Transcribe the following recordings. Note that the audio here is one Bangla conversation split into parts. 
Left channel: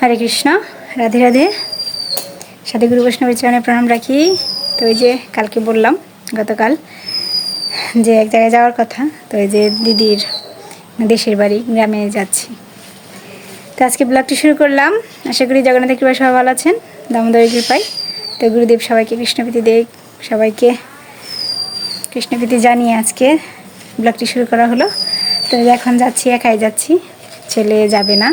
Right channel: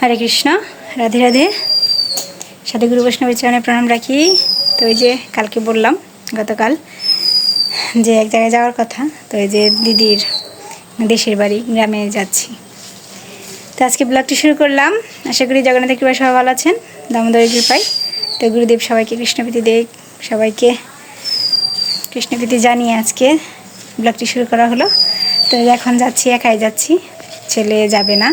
হরে কৃষ্ণ, রাধে রাধে। সাথে গুরু বৈষ্ণবের চরণে প্রণাম রাখি। তো ওই যে কালকে বললাম গতকাল যে এক জায়গায় যাওয়ার কথা, তো ওই যে দিদির দেশের বাড়ি গ্রামে যাচ্ছি। তো আজকে ব্লগটি শুরু করলাম। আশা করি জগন্নাথের কৃপায় সবাই ভালো আছেন, দামোদরের কৃপায়। তো গুরুদেব সবাইকে কৃষ্ণপ্রীতি দেয় সবাইকে কৃষ্ণপ্রীতি জানিয়ে আজকে ব্লগটি শুরু করা হলো। তো এখন যাচ্ছি, একাই যাচ্ছি, ছেলে যাবে না।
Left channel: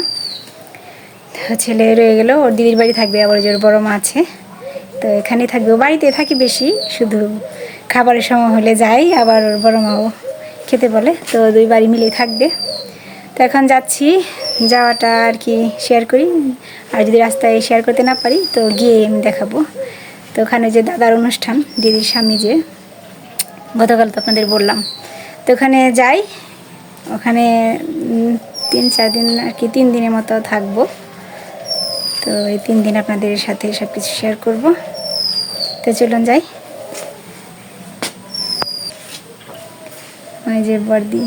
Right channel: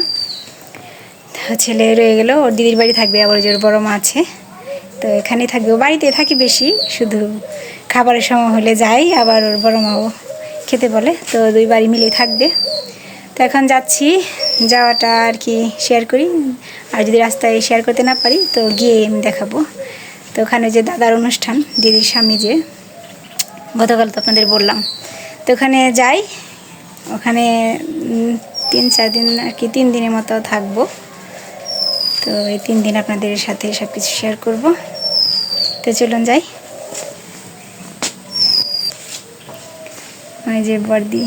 ছেলে রয়ে গেল, ওর দিদির বাড়ি থাকবে, আবার ওর বড় মা আছে। তো এখানেই থাকবে। ও বাড়িতে থাকি বেশি, শুধু খাবারের সময় হলে যাই আবার ওর বড় মাও খেতে বলে, তো দুই বাড়ি মিলেই থাকবে। তো এখন যাচ্ছি, যাওয়াটা আর কি শেয়ার করি। আর যদি রাস্তায় শেয়ার করতে না পারি, তো গিয়ে আমি দেখাবো। তো ওখানে যে দাদার অনুষ্ঠান, দিদির স্বামী যে, গতকাল তো আপনাদের বললাম। তো ওখানে যাই, ওখানে তিন চার দিন আর কি, তিন দিনের মতো থাকব। তো এই তিন দিন আপনাদের সাথে সব কিছু শেয়ার করব। তো চলুন যাই। ওই যে বর্দি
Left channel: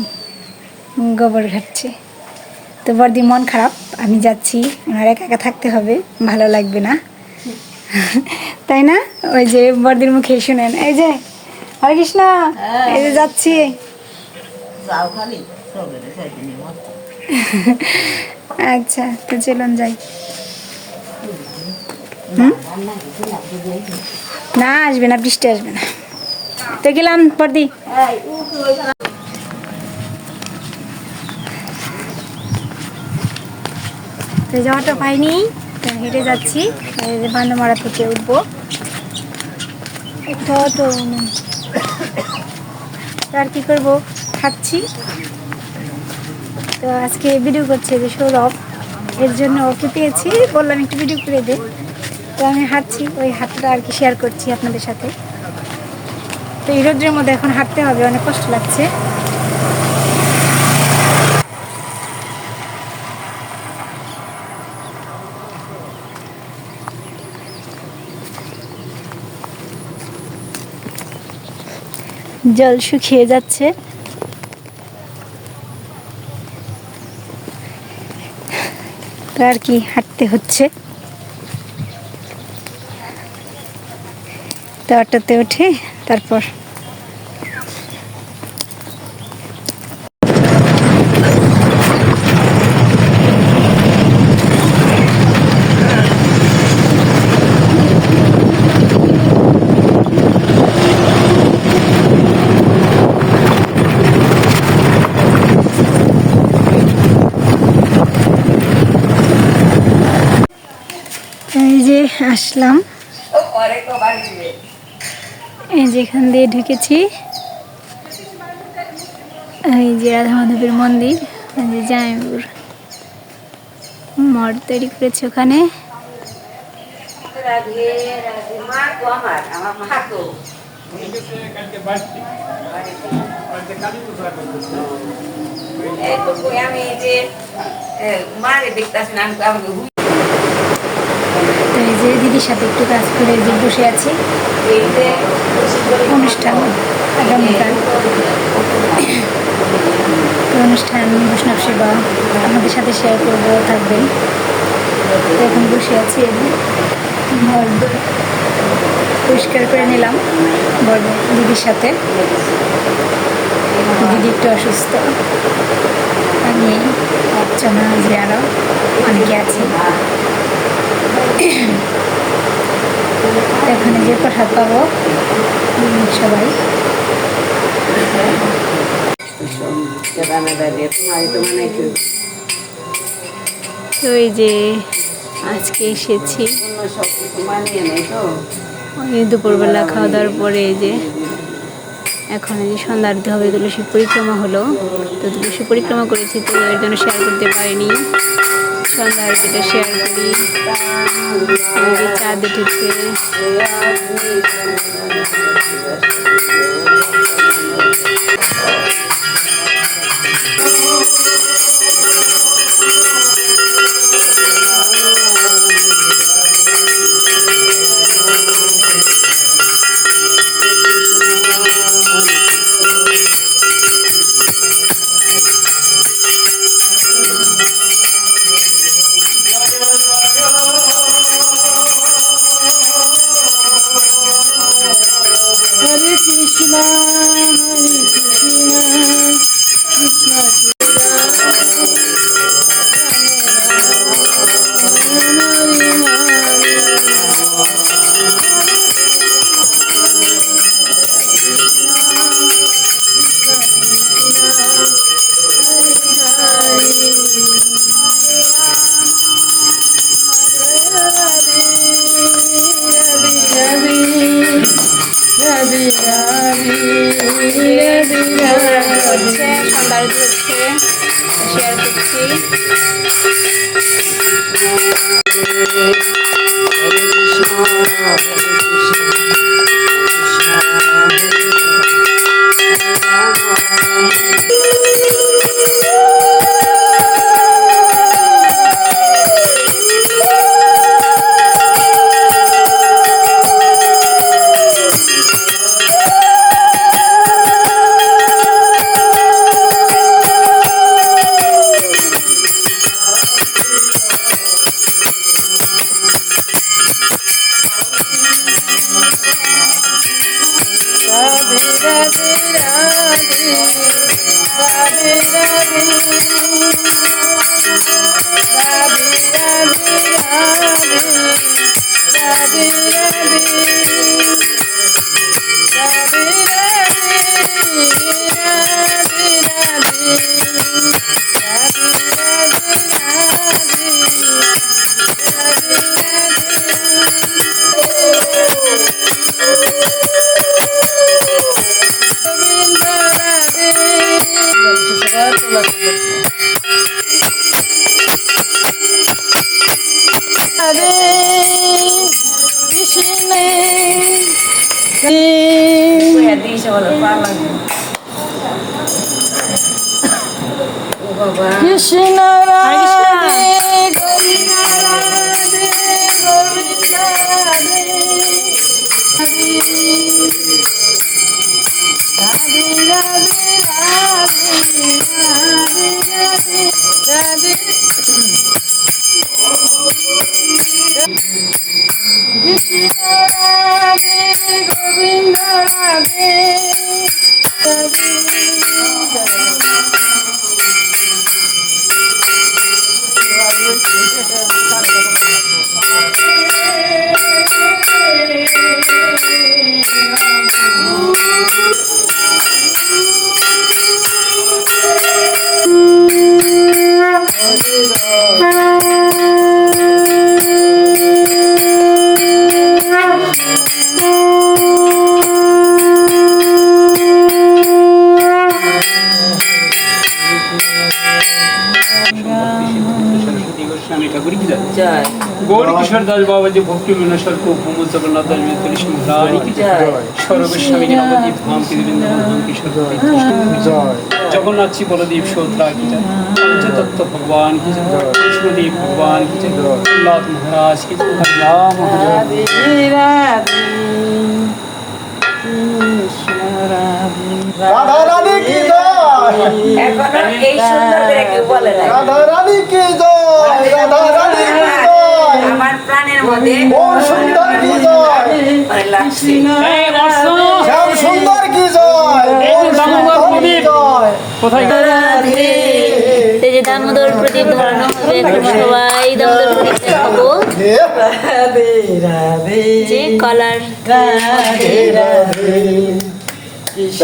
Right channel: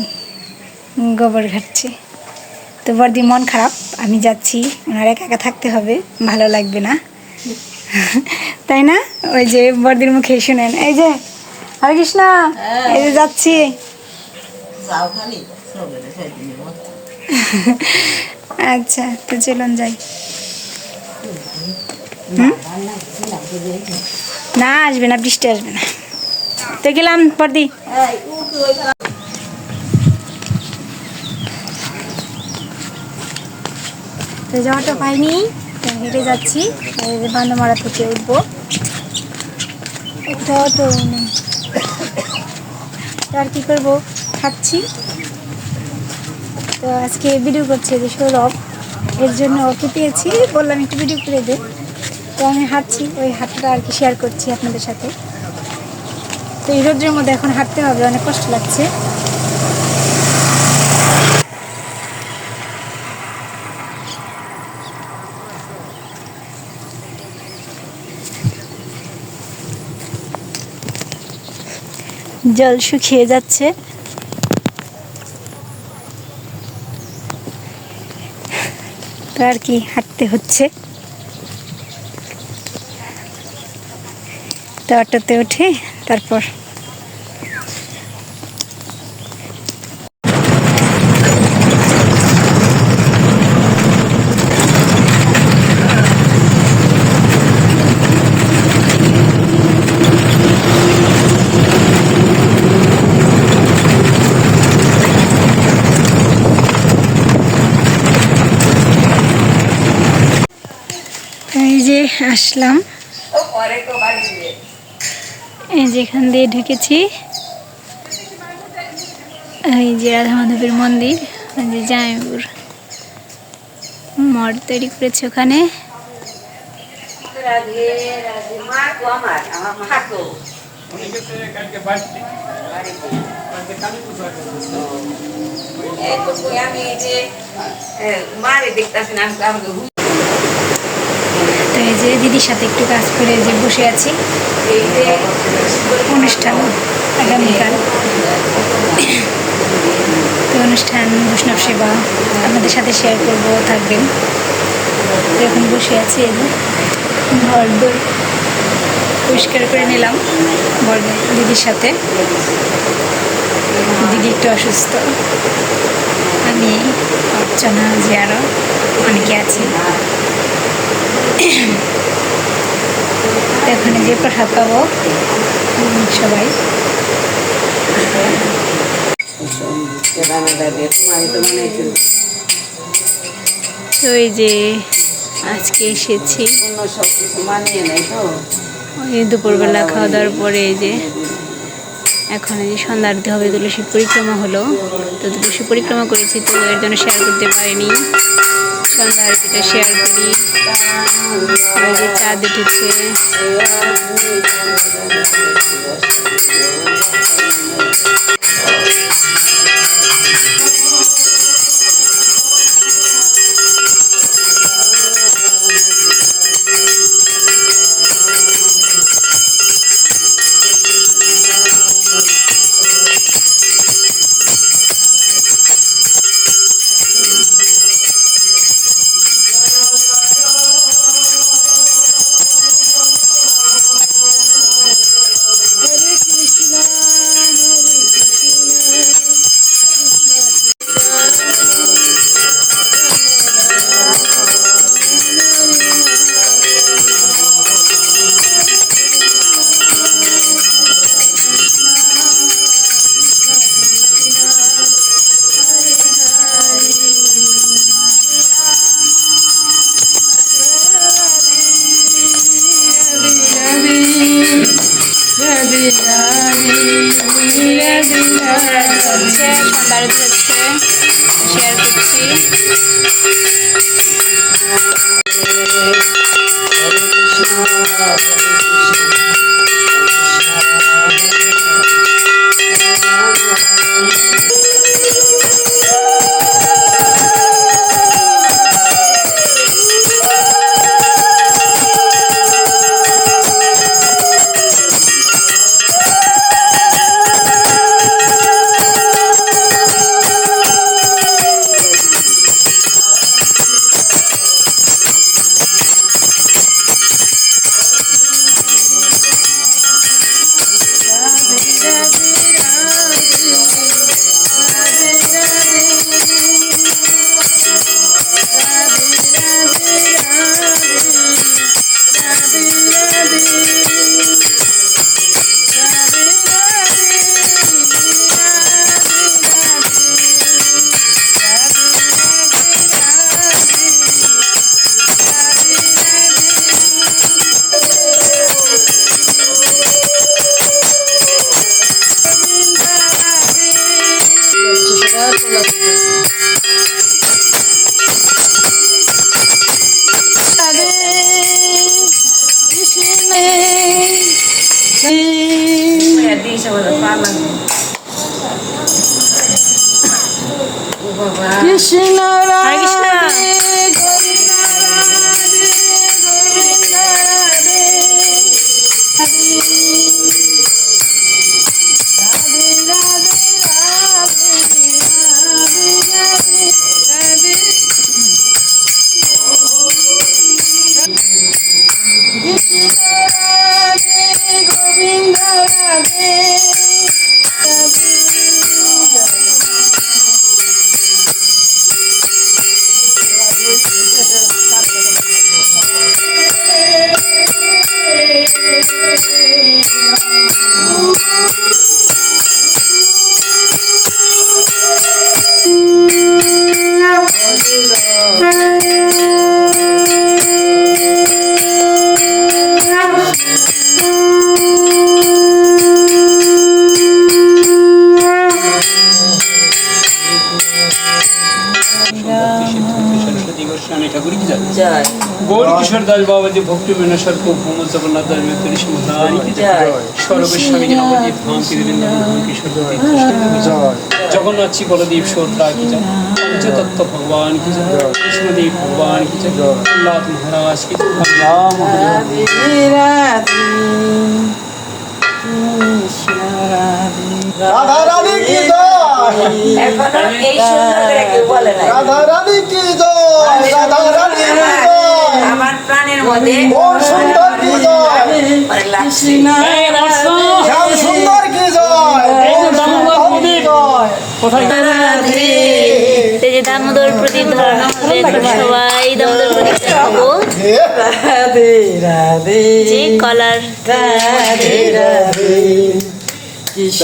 গোবর ঘাটছে। তো বর্দি মন খারাপ আমি যাচ্ছি। ওনার একা একা থাকতে হবে ভালো লাগবে না। তাই না? ওই যে বর্দির মুখে শুনেন। এই যে হরে কৃষ্ণ এই যে যাচ্ছি। আচ্ছা তো চলুন যাই। না, আসবে না, বৃষ্টি আসবে না। তো গেলাম বর্দি তো যাওয়াটা পাইনি হেঁটে যাচ্ছি। বান্দমারা থেকে উঠবো। অটো তো আর কি করব? খাচ্ছি। তো আজকে ভিডিও করছে যে সৌরভ। এর জন্য ওকে পেয়েছি। বললাম একটু ভিডিও করে দে। তো আমি হাঁটছি, ওই হাঁটাটা আর কি শেয়ার করছি আপনাদের সাথে। তো এই রোদ্রের মধ্যে এখন হাঁটতে হবে, অনেক কষ্ট লাগছে। জল শুকিয়ে যাচ্ছে। তো আর কি হাঁটতে হচ্ছে। তো অটোতে উঠে তারপর এই যে আসলাম। এই যে এখান দিয়ে ঢুকেছি। এই যে রাধা মাধবের মন্দির যে জায়পুর মঠ তৈরি করেছে ওখানে। আমি যে মারে আমি আমাকে হুই তো এই যে দিদির সাথে একটু কাজ করে যে বসে আছি। অনুষ্ঠান আগামীকাল। তো অনুষ্ঠান বৈষ্ণব সেবা আপনাদের সাথে শেয়ার করব থাকবেন। এখন বসে আছি এবং ঘর পরিষ্কার করে নিলাম বড় দিদির সাথে। দিদি একটু অসুস্থ। আমি অর্চনা যে আরও অনেকে আছি। এখানে যে প্রসাদ পাবো। সবাই। তো এই যে আজকে এসেছি। ওই দুপুরবেলা খাওয়া দাওয়ার পরে এই যে এখন এই যে সন্ধ্যা আরতি হবে তুলসী পরিক্রমা হলো। তো তুলসী পরিক্রমা করেছি, তো এর জন্য শেয়ার করতে পারিনি। सन्दार गीटा शेयर करी चाँद उठे হচ্ছে সন্ধ্যা আরতি হচ্ছে শেয়ার રાધે રાધે રાધે. কিশোর দাস বাবা যে ভক্তি বিনশ্বর কো ভূম জগন্নাথ দাস মেতরি জগন্নাথ বলদেব শোদ্রা কি যায় পঞ্চতত্ত্ব ভগবান কি যায় কৃষ্ণদেব ভগবান কি প্রহ্লাদ মহারাজ কি রাধে রানী কি জয়? এই সুন্দর করে কেউ বলে নাই। রাধা রানী কি জয়? রাধা রানী জয় আমার প্রাণের মধ্যে কোন সুন্দর কি জয় এই অর্থ শ্যাম সুন্দর কি জয় এই যে দামোদর প্রদীপ কোথায়? এই যে দামোদর প্রদীপ ধরানো হবে এখন সবাই। দামোদর প্রদীপ দেখাবো। যে কলার রাধে রাধে কৃষ্ণ।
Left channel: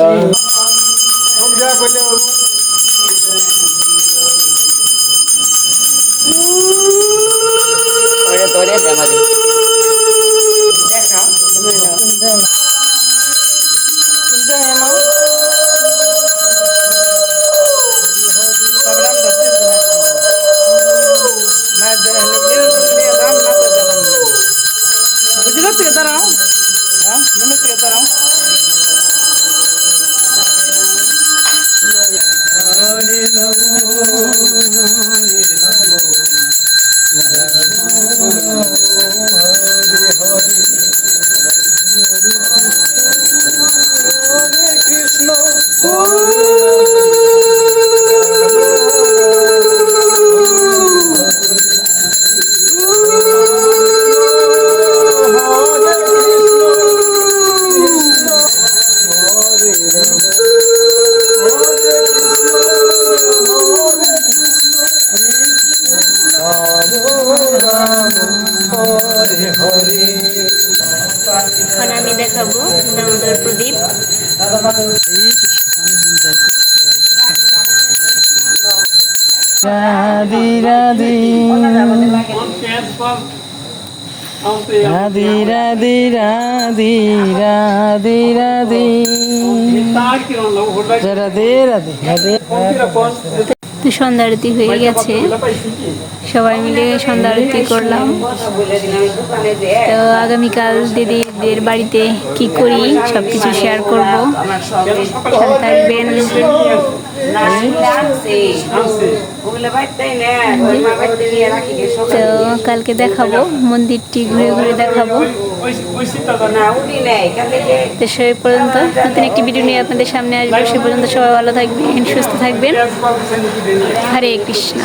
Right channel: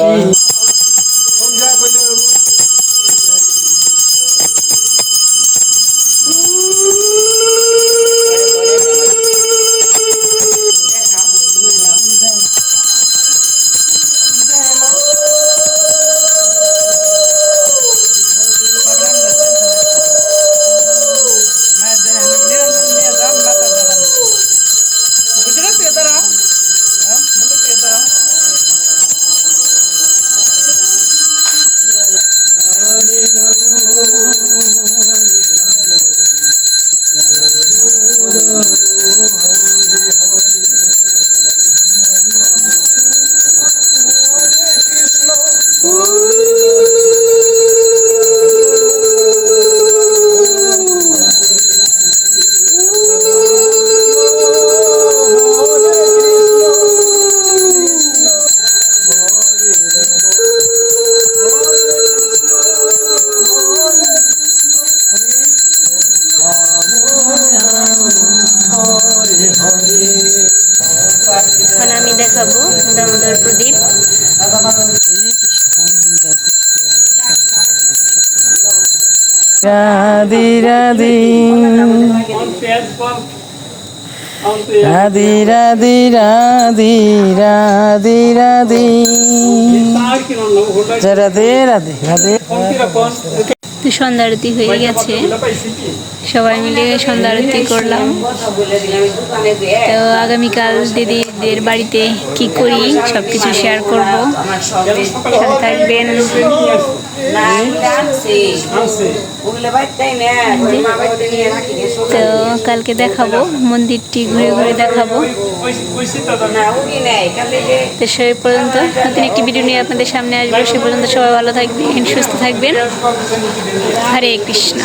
এখন আমি দেখাবো দামোদর প্রদীপ। রাধে রাধে রাধে রাধে রাধে। রাধে রাধে রাধে। তো সন্ধ্যা আরতি হয়ে গেছে। সবাই মিলে সন্ধ্যা আরতি করলাম। তো আগামীকাল দিদিদের বাড়িতে কি করি সব কিছু শেয়ার করব। সাথে থাকবেন। তো কালকে দেখাবো মন্দিরটি ঘুরে ঘুরে দেখাবো। তো সেই পর্যন্ত নতুন একটি ভিডিও নিয়ে আপনাদের সামনে আসব। সে পর্যন্ত সবাই ভালো থাকবেন সুস্থ থাকবেন। হরে কৃষ্ণ।